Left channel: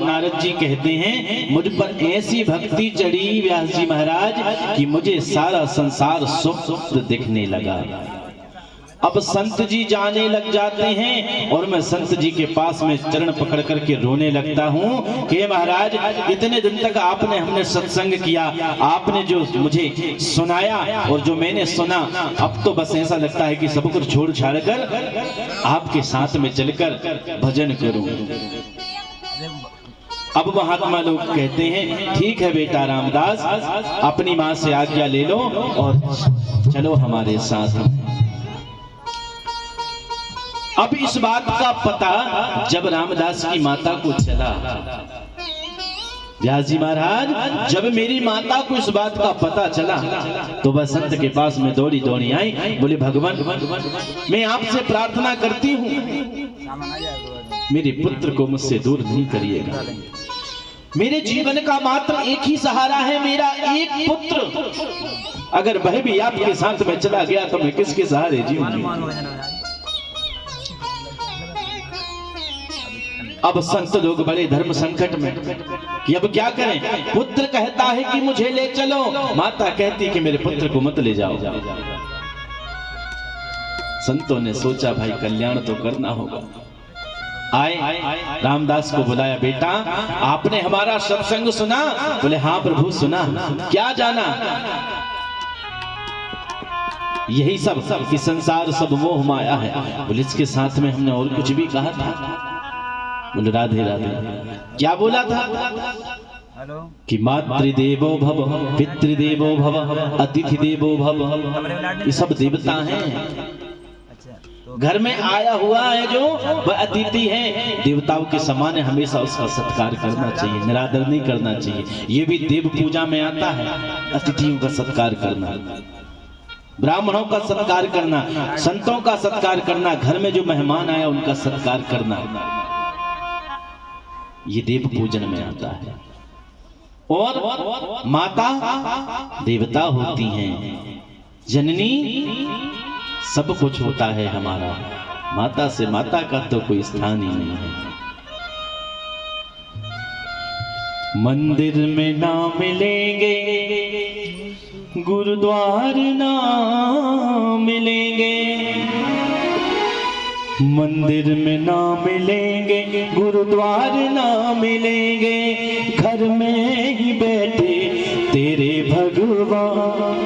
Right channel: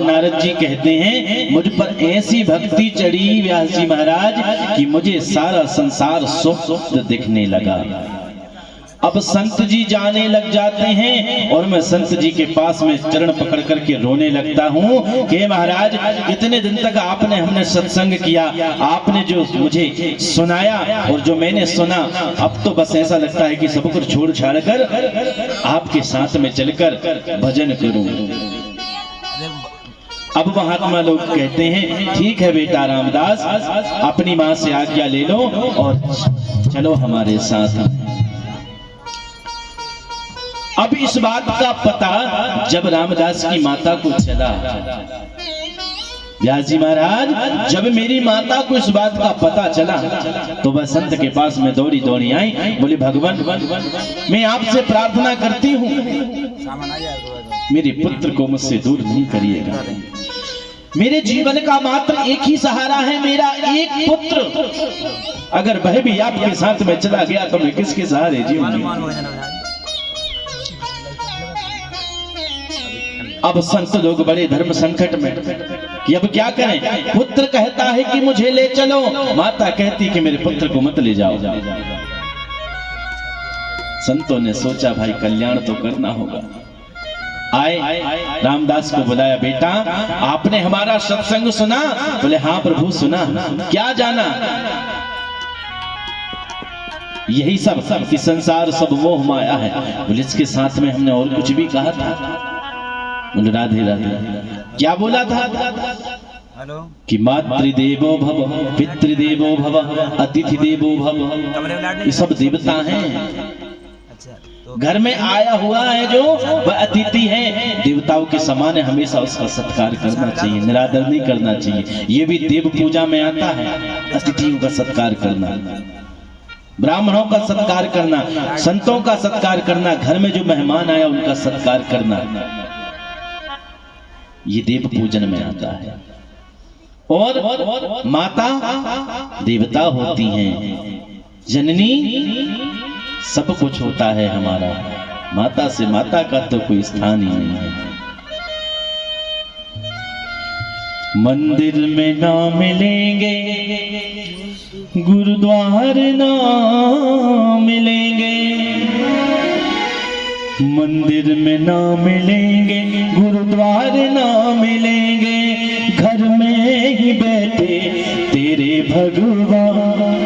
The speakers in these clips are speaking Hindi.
नारद जी कहते हैं मुझ पर ऐसी भक्ति चढ़ी व्यास जी महाराज कि मुझे सारा संसार स्वप्न दिखने लगा। अब संत जी जाने लग जाते हैं और मैं संत जी के पास में चरण पकड़ करके रोने लगता हूँ कि महाराज इतने दिन तक हमने सत्संग किया, आपने जो मुझे सुनाया और जो मैंने सुना, अब तो बस ऐसा लगता है कि सब कुछ छोड़ छाड़ कर आपके साथ में चलकर भजन करूं। अब महात्मा लोग कहते हैं ठीक है बेटा रामदास, अपनी माँ से आज्ञा ले लो और चलो हमारे साथ। अब इस बात का पता जब रामदास की माता को चला, व्यास जी महाराज जब मेरी माता को इस बात का पता चला तो वह संत के पास में दौड़ी दौड़ी आई, बोले भगवान मैं आपसे प्रार्थना करती हूँ मेरे पुत्र को मुझसे दूर नहीं करिएगा। मेरे जीवन का मात्र एक ही सहारा है, मेरा एक पुत्र, अगर वह भी आपके साथ में चला गया तो मैं किसके सहारे जीऊंगी। अब संत लोग बड़े धर्म संकट में कि अब क्या करें। पुत्र कहता है कि मुझे ले चलो, माता कहती कि मेरे पुत्र को मत ले जाओ। संतों ने सोचा भाई कल्याण तो करना होगा। आए रामदास को बुलाया, बेटा आपने हमारा सत्संग सुना? बोले हाँ प्रभु सुना। क्या जाना? यही सब कि संसार सब मोह माया है। बोले इसके साथ में हमने और कुछ भी कहा था? बोले राधे राधे। क्या बोला था? कि मातृदेवो भव, पितृदेवो भव, अतिथि देवो भव। ये सब देवता हैं। घर में आया हुआ है जो वह अतिथि है, देवताओं के समान है, हमेशा उसका सत्कार करना चाहिए, निरादर नहीं करना चाहिए। ये भी देव पूजा में आता है, अतिथियों का सत्कार करना, ब्राह्मणों का सत्कार करना, संतों का सत्कार करना, घर में जो मेहमान आया उनका सत्कार करना, ये देव पूजन में आता है। और माता देवता होती हैं, जननी सब कुछ होता है हमारा, माता से माता का तो कोई स्थान ही नहीं है। मंदिर में ना मिलेंगे, गुरुद्वार ना मिलेंगे, मंदिर में ना मिलेंगे, गुरुद्वार ना मिलेंगे, घर में ही बैठे तेरे भगवान।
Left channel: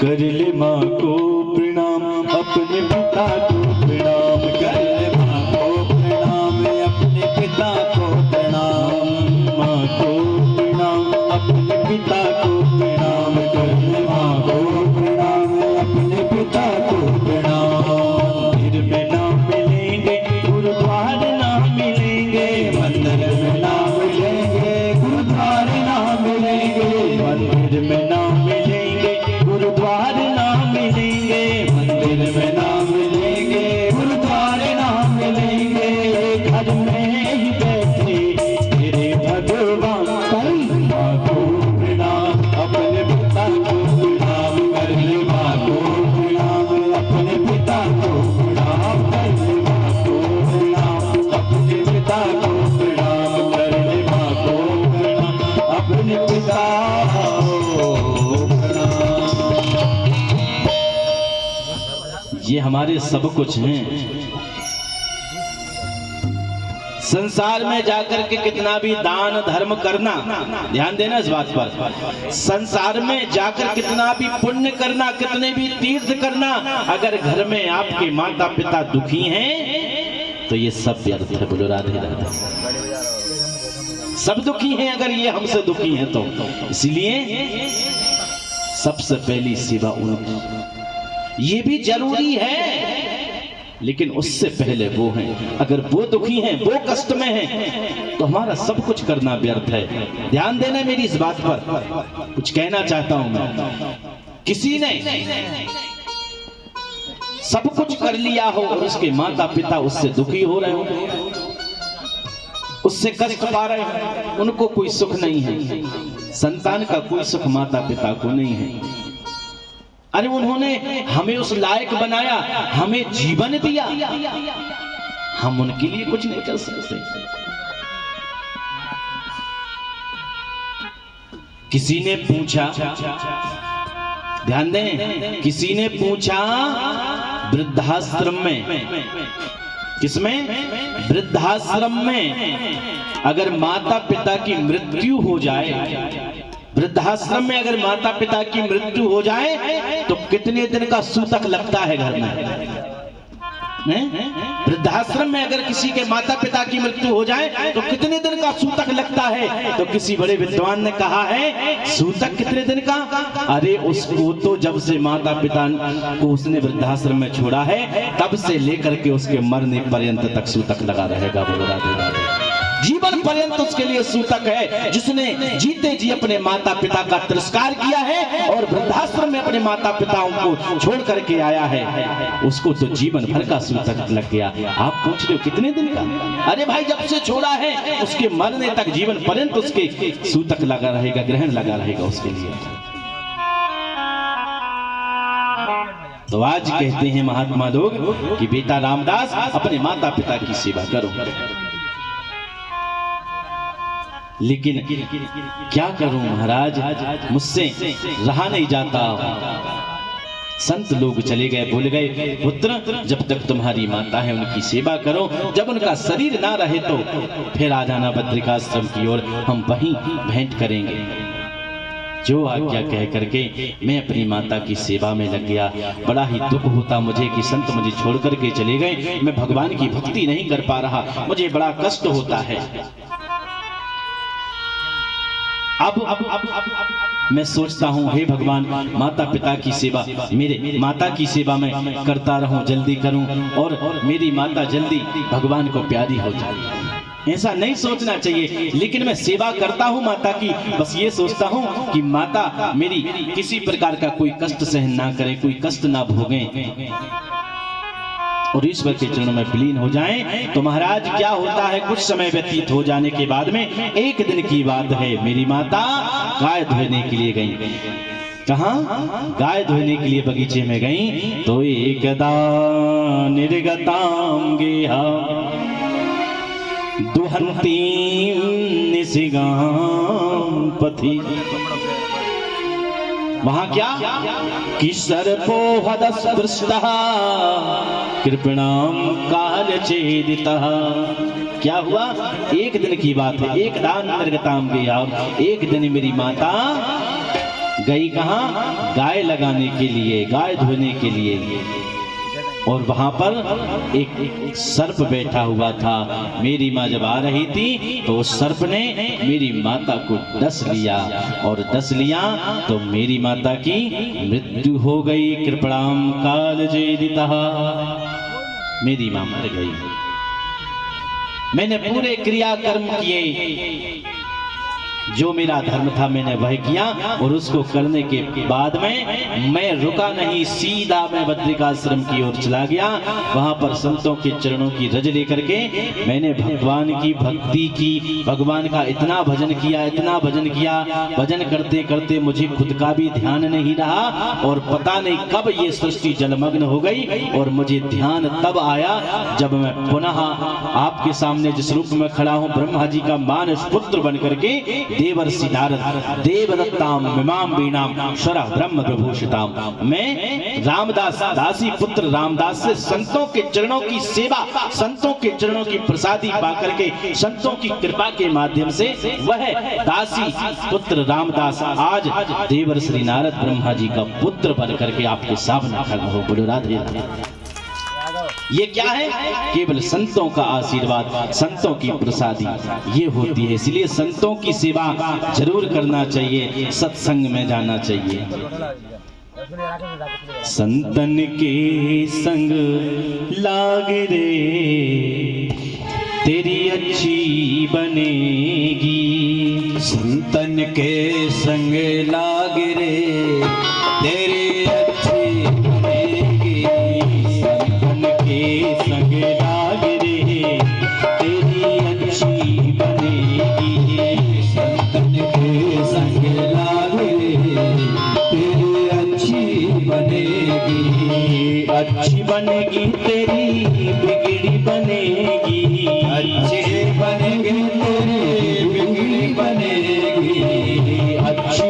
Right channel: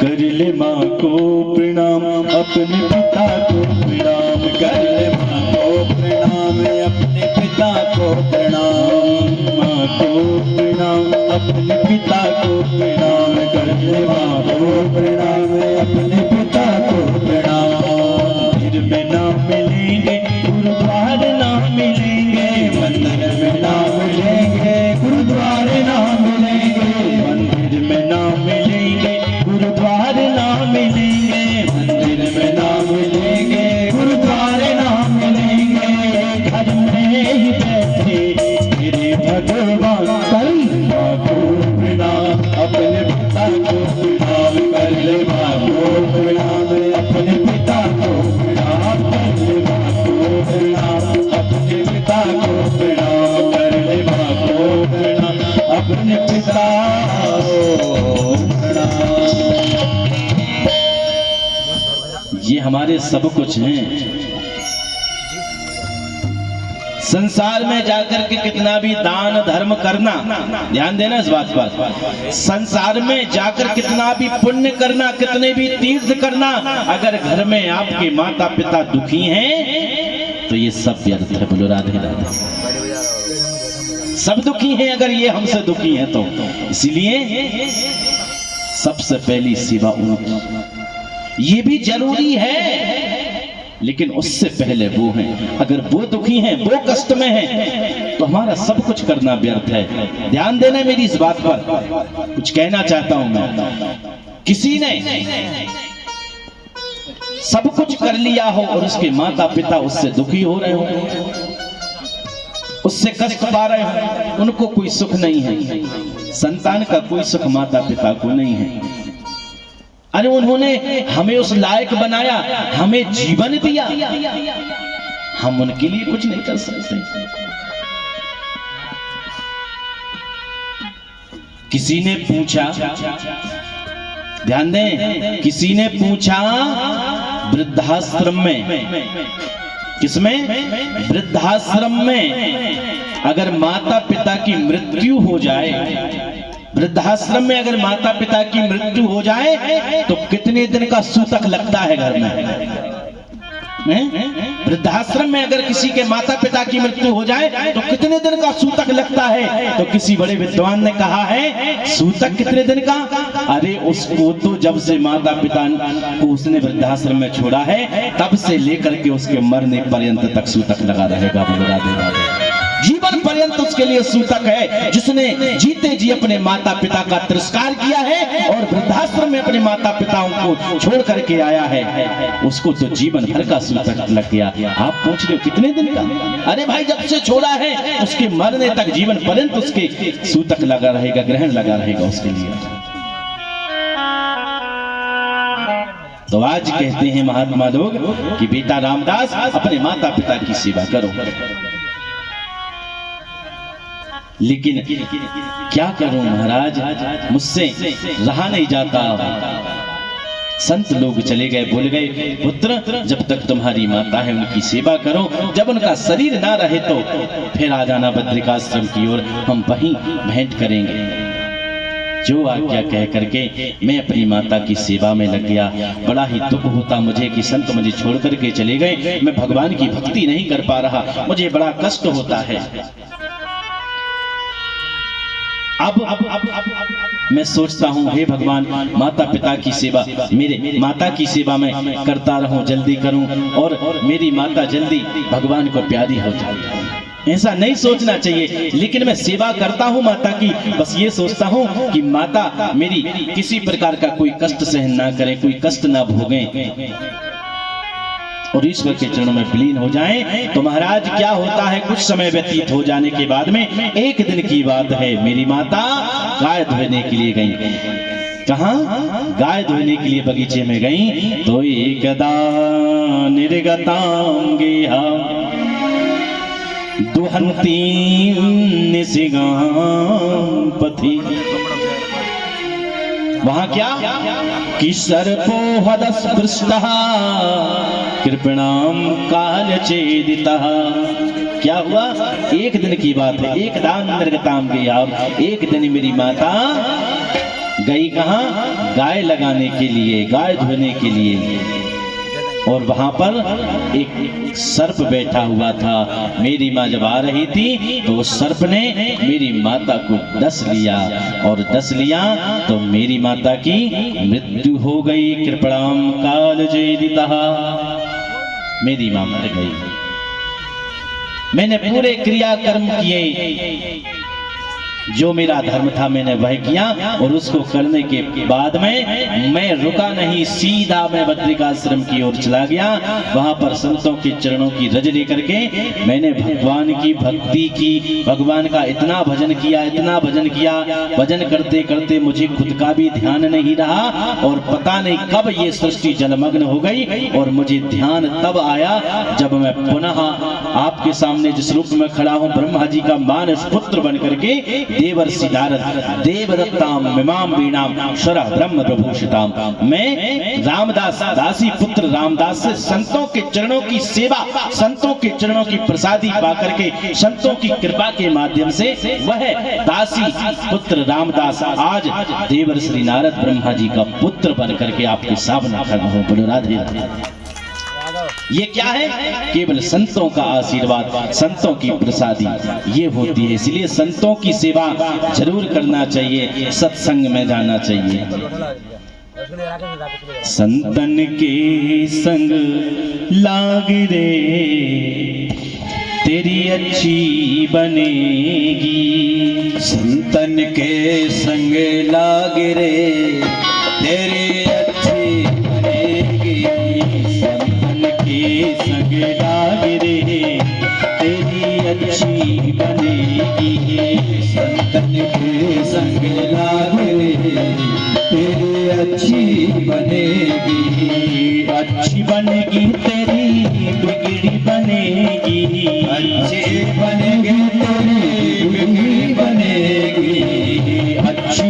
कर ले माँ को प्रणाम, अपने पिता को प्रणाम, कर ले माँ को प्रणाम, अपने पिता को प्रणाम, माँ को प्रणाम, अपने पिता को प्रणाम, कर ले माँ को प्रणाम, अपने पिता को प्रणाम। फिर में ना मिलेंगे, गुरुद्वार ना मिलेंगे, मंदिर में ना मिलेंगे, गुरुद्वार ना मिलेंगे, मंदिर में ना मिलेंगे, गुरुद्वार ना मिलेंगे, मंदिर में ना मिलेंगे, गुरुद्वार ना मिलेंगे, घर में ही बैठे तेरे भगवान। कर माँ को प्रणाम, अपने पिता को प्रणाम, कर ले माँ को प्रणाम, अपने पिता को प्रणाम, कर ले माँ को प्रणाम, अपने पिता को प्रणाम, कर ले माँ को प्रणाम, अपने पिता को प्रणाम। ये हमारे सब कुछ हैं। संसार में जाकर के कितना भी दान धर्म करना, ध्यान देना इस बात पर, संसार में जाकर कितना भी पुण्य करना, कितने भी तीर्थ करना, अगर घर में आपके माता पिता दुखी हैं तो ये सब व्यर्थ है। बोलो राधे राधे। सब दुखी हैं अगर ये हमसे दुखी हैं तो, इसलिए सबसे पहली सेवा उनकी। ये भी जरूरी है, लेकिन उससे पहले वो हैं। अगर वो दुखी हैं, वो कष्ट में हैं, तो हमारा सब कुछ करना व्यर्थ है। ध्यान देना मेरी इस बात पर। कुछ कहना चाहता हूं मैं, किसी ने सब कुछ कर लिया हो और उसके माता पिता उससे दुखी हो रहे हो, उससे कष्ट पा रहे हो, उनको कोई सुख नहीं है। संतान का कोई सुख माता पिता को नहीं है। अरे उन्होंने हमें उस लायक बनाया, हमें जीवन दिया, हम उनके लिए कुछ नहीं कर सकते। किसी ने पूछा, ध्यान दें, किसी ने पूछा वृद्धाश्रम में, किसमें? वृद्धाश्रम में अगर माता पिता की मृत्यु हो जाए, वृद्धाश्रम में अगर माता पिता की मृत्यु हो जाए तो कितने दिन का सूतक लगता है घर में? वृद्धाश्रम में अगर किसी के माता पिता की मृत्यु हो जाए तो कितने दिन का सूतक लगता है? तो किसी बड़े विद्वान ने कहा है, सूतक कितने दिन का? अरे उसको तो जब से माता पिता को उसने वृद्धाश्रम में छोड़ा है तब से लेकर के उसके मरने पर्यंत तक सूतक लगा रहेगा। बोलो राधे राधे। जीवन पर्यंत उसके लिए सूतक है। जिसने जीते जी अपने माता पिता का तिरस्कार किया है और वृद्धाश्रम में अपने माता पिताओं को छोड़ करके आया है, उसको तो जीवन भर का सूतक लग गया। आप पूछ रहे हो कितने दिन का? अरे भाई जब से छोड़ा है उसके मरने तक जीवन पर्यंत उसके सूतक लगा रहेगा, ग्रहण लगा रहेगा उसके लिए। तो आज कहते हैं महात्मा लोग कि बेटा रामदास अपने माता पिता की सेवा करो, लेकिन क्या करूं महाराज, मुझसे रहा नहीं जाता। संत लोग चले गए, बोल गए पुत्र जब तक तुम्हारी माता है उनकी सेवा करो, जब उनका शरीर ना रहे तो फिर आ जाना बद्रिकाश्रम की ओर, हम वहीं भेंट करेंगे। जो आज्ञा कह करके मैं अपनी माता की सेवा में लग गया। बड़ा ही दुख होता मुझे कि संत मुझे छोड़ करके चले गए, मैं भगवान की भक्ति नहीं कर पा रहा, मुझे बड़ा कष्ट होता है। अब मैं सोचता हूँ हे भगवान, माता पिता की सेवा, मेरे माता की सेवा में करता रहूं, जल्दी करूं और मेरी माता जल्दी भगवान को प्यारी हो जाए। ऐसा नहीं सोचना चाहिए, लेकिन मैं सेवा करता हूँ माता की, बस ये सोचता हूँ कि माता मेरी किसी प्रकार का कोई कष्ट सहन ना करे, कोई कष्ट ना भोगें और ईश्वर के चरणों में विलीन हो जाएं। तो महाराज क्या होता है, कुछ समय व्यतीत हो जाने के बाद में एक दिन की बात है, मेरी माता गाय धोने के लिए गई। कहाँ? गाय धोने के लिए बगीचे में गई। तो एकदा निर्गतां गेहा दुहंती निसिगां पथि। वहां क्या कि सर्पो हदस्पृष्टः कृपणाम काल चेदितः। क्या हुआ? एक दिन की बात है, एक दान निर्गताम गया। एक दिन मेरी माता गई कहाँ? गाय लगाने के लिए, गाय धोने के लिए, और वहां पर एक सर्प बैठा हुआ था। मेरी माँ जब आ रही थी तो उस सर्प ने मेरी माता को डस लिया, और डस लिया तो मेरी माता की मृत्यु हो गई। कृपणाम काल जेदितः, मेरी मां मर गई। मैंने पूरे क्रियाकर्म किए, जो मेरा धर्म था मैंने वह किया, और उसको करने के बाद में मैं रुका नहीं, सीधा मैं बद्रिकाश्रम की ओर चला गया। वहां पर संतों के चरणों की रज लेकर के मैंने भगवान की भक्ति की, भगवान का इतना भजन किया, इतना भजन किया। भजन करते करते मुझे खुद का भी ध्यान नहीं रहा, और पता नहीं कब ये सृष्टि जलमग्न हो गई, और मुझे ध्यान तब आया जब मैं पुनः आपके सामने जिस रूप में खड़ा हूं, ब्रह्मा जी का मानस पुत्र बन करके देवर्षि नारद देवदत्ताम मिमाम वीणाम शरः ब्रह्म प्रभूषिताम, मैं रामदास दासी पुत्र रामदास से संतों के चरणों की सेवा, संतों के चरणों की प्रसादी पाकर के, संतों की कृपा के माध्यम से वह दासी पुत्र रामदास आज देवर्षि नारद ब्रह्मा जी का पुत्र बन करके आपके सामने खड़ा हो। बोलो राधे राधे। ये क्या है? केवल संतों का आशीर्वाद, संतों की प्रसादी ये होती है। इसलिए संतों की सेवा जरूर करना चाहिए, सत्संग में जाना चाहिए। संतन के संग लाग रे तेरी अच्छी बनेगी, संतन के संग लाग रे तेरी अच्छी बनेगी, संतन के संग लाग रे तेरी अच्छी बनेगी, संतन के संग लाग रे तेरी अच्छी बनेगी, अच्छी बनेगी तेरी बिगड़ी बनेगी, अच्छी बनेगी तेरी बिगड़ी बनेगी, अच्छी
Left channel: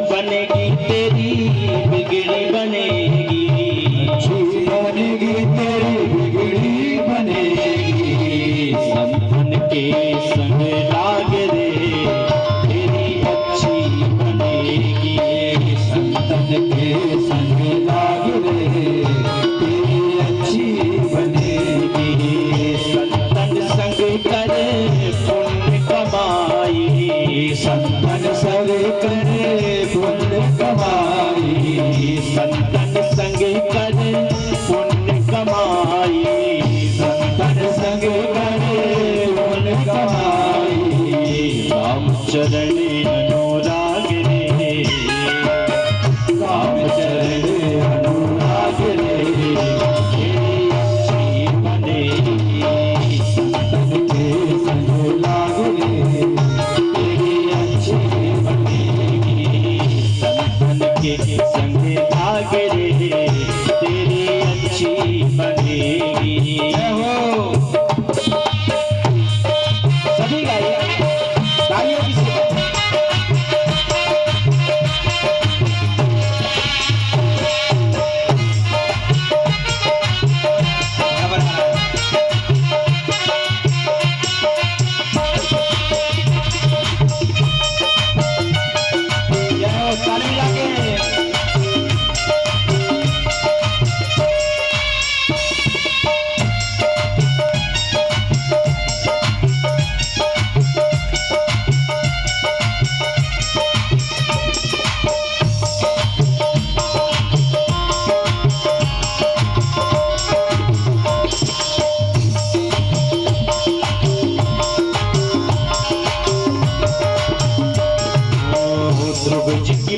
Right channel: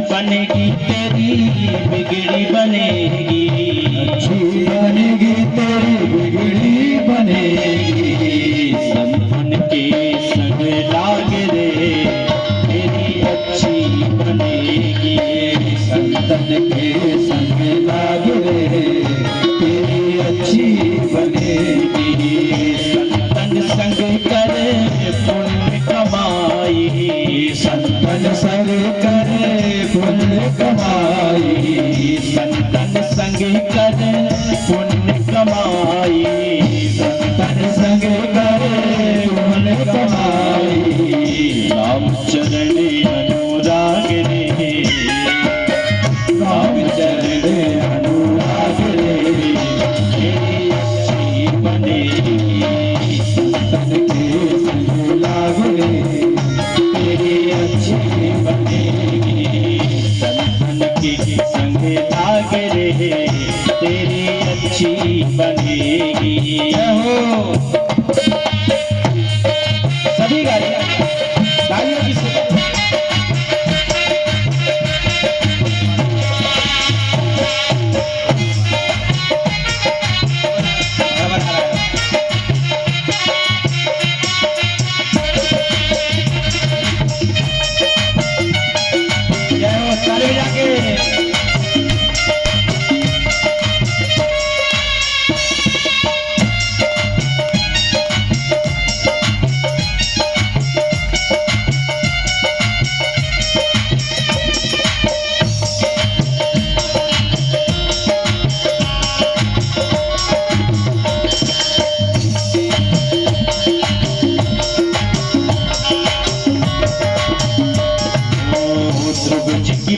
संतन सर करे पुण्य कमाई, संतन संग करे पुण्य कमाई, संतन संग करे पुण्य कमाई। राम चरण अनुराग रे, राम चरण अनुराग रे, तेरी अच्छी बनेगी संतन के संग लाग रे, तेरी अच्छी बनेगी संतन के संग लाग रे, तेरी अच्छी बनेगी। सभी गाइए तालियों की से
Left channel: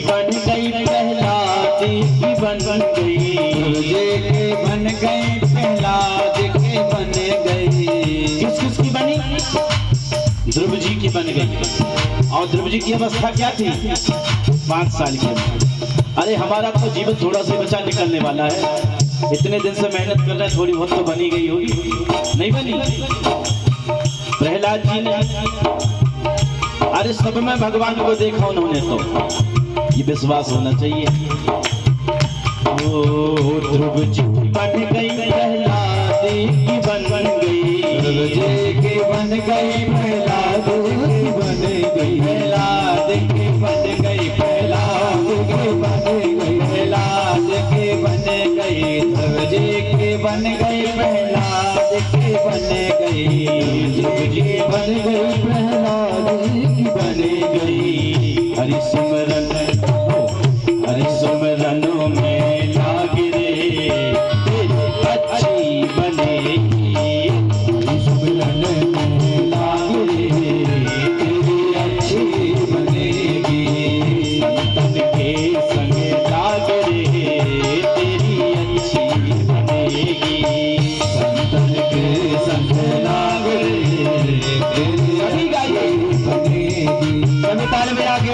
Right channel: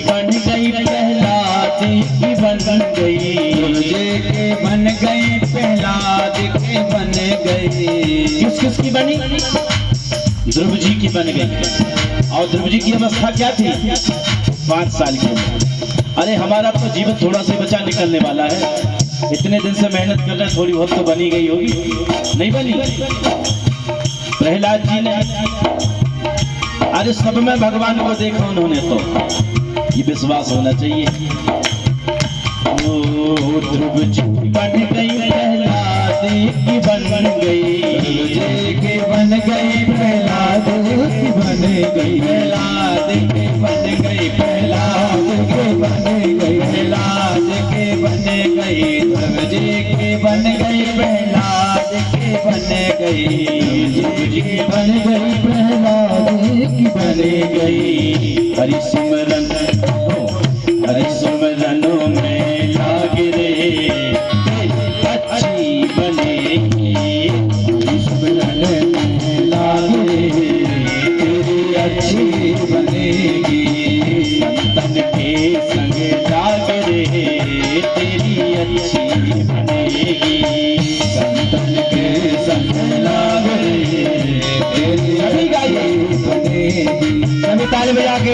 बन गई प्रहलाद की बन गई, तुझे के बन गई प्रहलाद के बन गई। किस किस की बनी? ध्रुव जी की बन गई। और ध्रुव जी की अवस्था क्या थी? 5 साल की। अरे हमारा तो जीवन थोड़ा सा बचा निकलने वाला है, इतने दिन से मेहनत कर रहे हैं, थोड़ी बहुत तो बनी गई होगी, नहीं बनी? प्रहलाद जी ने, अरे सब में भगवान को देखा उन्होंने, तो ये विश्वास होना चाहिए। ओ ध्रुव जी बन गई प्रहलाद की बन गई, ध्रुव जी के बन गई प्रहलाद की बन गई, प्रहलाद के बन गई, प्रहलाद के बन गई, प्रहलाद के बन गई, ध्रुव जी के बन गई, प्रहलाद के बन गई, ध्रुव जी बन गई, प्रहलाद की बन गई। हरि सिमरन हरि सुमरनों में लाग रे, अच्छी बनेगी, हरि सुमरन में लाग रे, तेरी अच्छी बनेगी, संतन के संग लाग रे, तेरी अच्छी बनेगी, संतन के संग लाग रे, तेरी अच्छी बनेगी। सभी ताली बजा के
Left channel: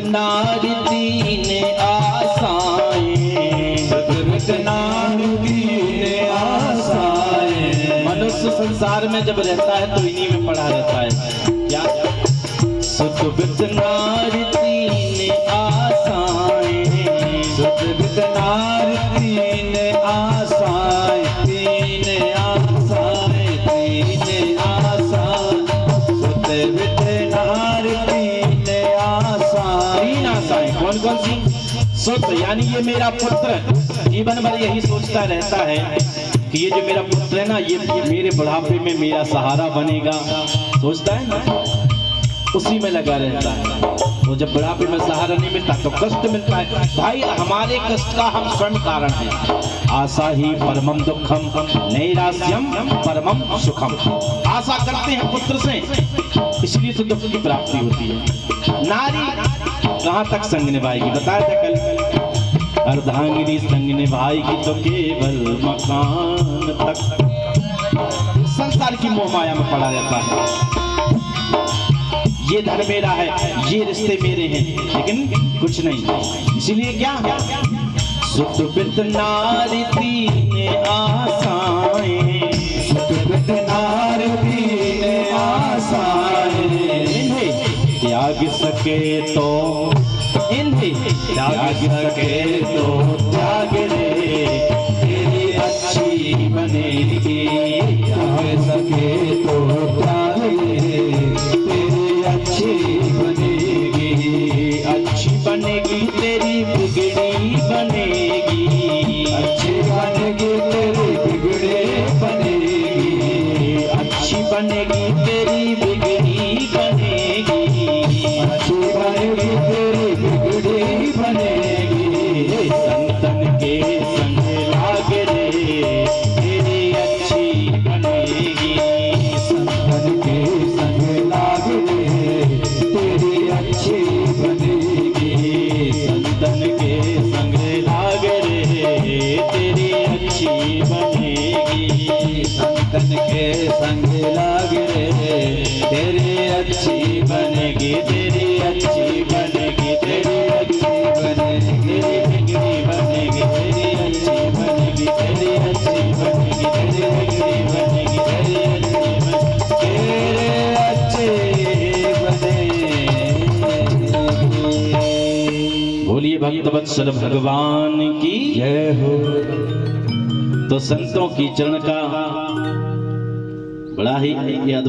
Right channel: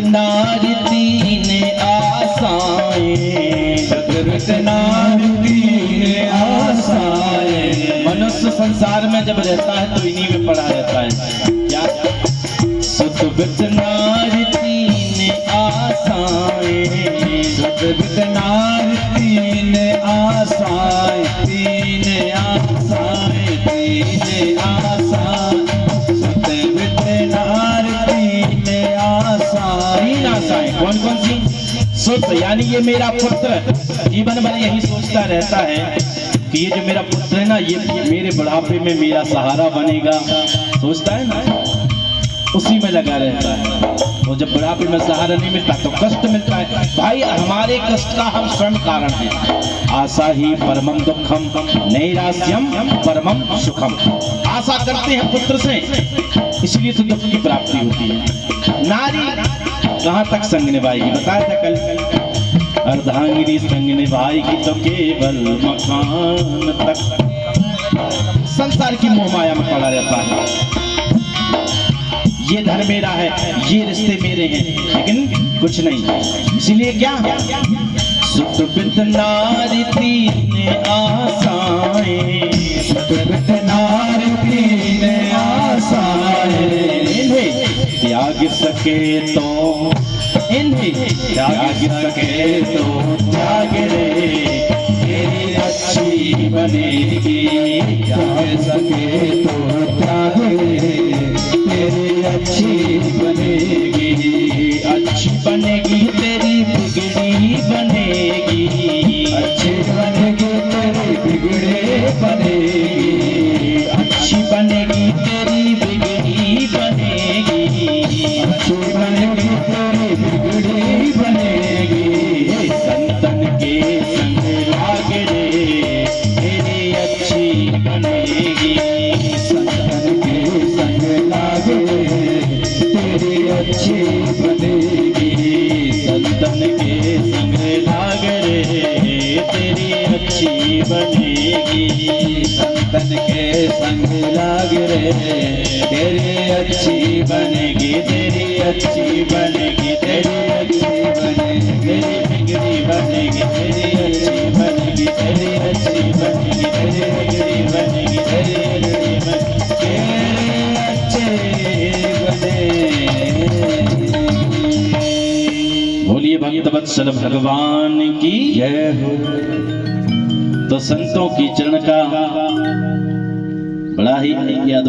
नारी तीन आशाएं, सतगुरु नारी तीन आशाएं। मनुष्य संसार में जब रहता है तो इन्हीं में पड़ा रहता है। क्या? सतगुरु नारी तीन आशाएं, सतगुरु नारी तीन आशाएं, तीन आशाएं, तीन आशाएं, सतगुरु नारी तीन आशाएं। कौन कौन सी? सुत, यानी ये मेरा पुत्र जीवन भर यही सोचता रहता है कि ये जो मेरा पुत्र है ना, ये मेरे बुढ़ापे में मेरा सहारा बनेगा, सोचता है ना, उसी में लगा रहता है। तो जब बुढ़ापे में सहारा नहीं मिलता तो कष्ट मिलता है। भाई हमारे कष्ट का हम स्वयं कारण हैं। आशा ही परमम दुखम नैरास्यम परमम सुखम। आशा करते हैं पुत्र से, इसलिए तो दुख की प्राप्ति होती है। नारी कहाँ तक संग निभाएगी? बताया था कल, अर्धांगिनी संग निभाएगी तो केवल मकान तक। मोह माया में पड़ा रहता है। ये धन मेरा है, ये रिश्ते मेरे हैं, लेकिन कुछ नहीं। इसीलिए क्या सुख बित नारी तीन आसाएं, सुख बित नारी तीन आसाएं, इन्हें त्याग सके तो, इन्हें त्याग सके तो त्याग रे, तेरी अच्छी बनेगी, त्याग सके तो त्याग रे, तेरी अच्छी बनेगी, अच्छी बनेगी तेरी बिगड़ी बनेगी, अच्छी बनेगी तेरी बिगड़ी बनेगी, अच्छी बनेगी तेरी बिगड़ी बनेगी, अच्छी बनेगी तेरी बिगड़ी बनेगी। संतन के संग लाग रे, तेरी अच्छी बनेगी, संतन के संग लाग रे, तेरी अच्छी बनेगी, संतन के संग लाग रे, तेरी अच्छी बनेगी, संतन के संग लाग रे, तेरी अच्छी बनेगी, तेरी अच्छी बनेगी, तेरी अच्छी बनेगी, तेरी बिगड़ी बनेगी, तेरी अच्छी बनेगी, तेरी अच्छी बनेगी, तेरी बिगड़ी बनेगी, तेरी अच्छी बनेगी, तेरी अच्छी बनेगी। बोलिए भक्त वत्सल भगवान की जय हो। तो संतों की चरण का बड़ा ही याद